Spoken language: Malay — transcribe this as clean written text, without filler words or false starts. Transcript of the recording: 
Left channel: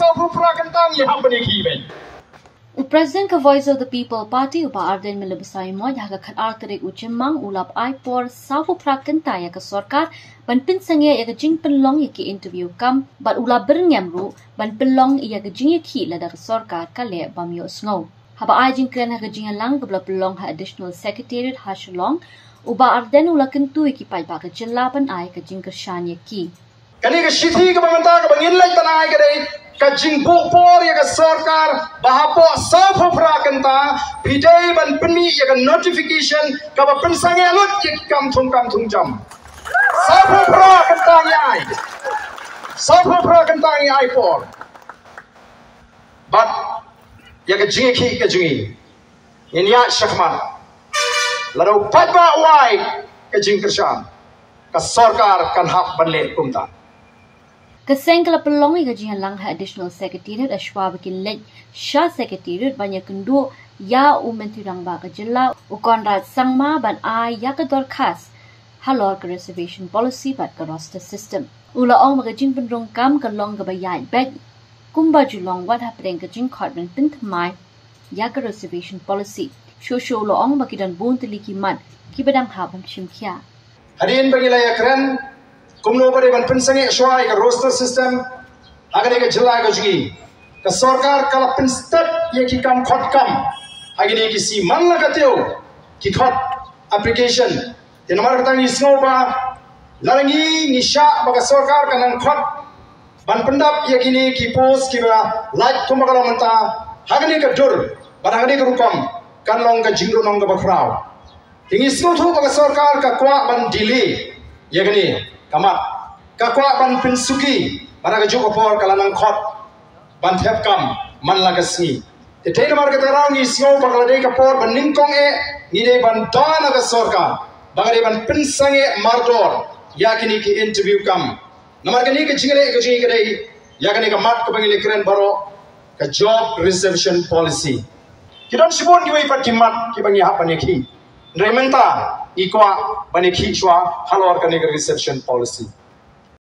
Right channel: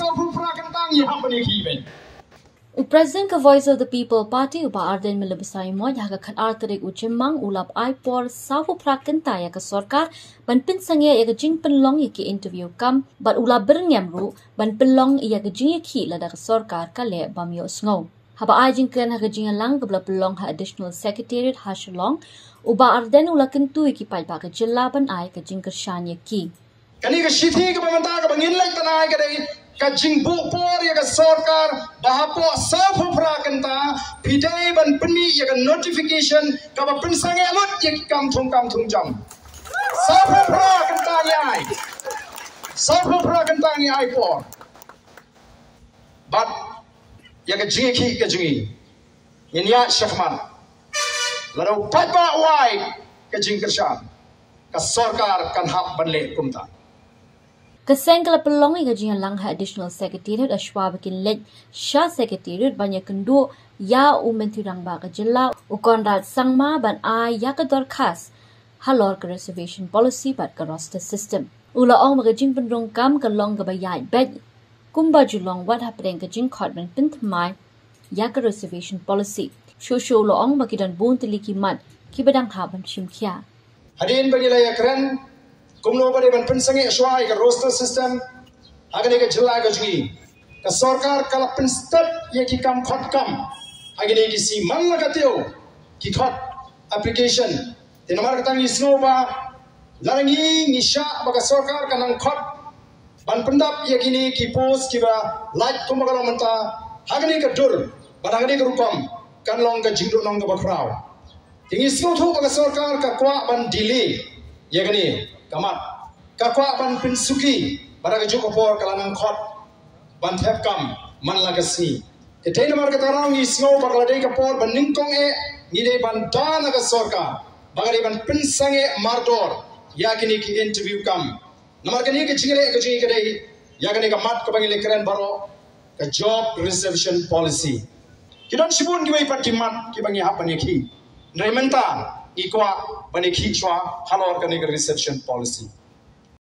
sapu prakentang ya hapani ki President ka Voice of the People Party upa Ardent melebesai mod haga khat arterik uchemang ulap aipor safu prakenta ya ka sorkar ban Pynsangeh ya ka jing penlong ya ki interview kam bat ulap bernyamru ban penlong ya ka jing ya ki lada ka sorkar ka le bam yo sngo haba ai jing kren haga jing lang ka pelong ha additional secretariat ha shalong uba Ardent ula kentu ki pai ba ka jilla ban ai ka jing ka shan ya ki kani ka shithi ka banganta ka bangin lai tanai ka dei kajing bukpor ya ka sarkar bahapo safu prakenta pidai ban penmi ya ka notification ka ba Pynsangeh lut ya kam thung jam safu prakenta ya ai por but ya ka jingi ki ka jingi inya shakman ladau patba wai ka jing kershan ka sarkar kan hak ban le kumta Kesengkala pelong iga jingan lang ha additional secretariat ashwa bikin lej sha secretariat banyak kendu ya umentirang ba ka jilla ukonrat sangma ban ai ya ka dorkas halor ka reservation policy bat ka roster system ula ong maga jing pendrong kam ka long ka bayai bed kumba julong wat hapeng ka jing khotman pintmai ya ka reservation policy shosho lo ong bakidan bon teliki mat ki badang ha bam chimkhia hadin bagila ya kren kumno bade ban Pynsangeh shwai ka roster system agane ka jilla ka jingi ka sarkar kala pinstat ye ki kam khot kam agane ki si man la ka teo ki khot application tenamar ka ni snova larangi ni sha ba ka sarkar ka nan khot ban pendap ye kini ki post ki ba like kumba kala manta agane ka dur ban agane ka rukom kan long ka jingro long ka ba kraw tingi sno thu ba ka sarkar ka kwa ban delay ye kini kamat kakwa ban pinsuki pada keju kopor kalanang khot ban thep kam man lagasni te na mar ka tarang ni snow bakal dei kapor ban ningkong ni dei ban dana ka sorka bagare ban Pynsangeh mardor yakini ki interview kam namar kani ka jingale ka jingi ka dei yakini ka mat ka bangile kren baro ka job reservation policy kidon sibon ki wai pat kimat ki bangi hapani ki rementa ikwa bani ki chwa halor kani ka reservation policy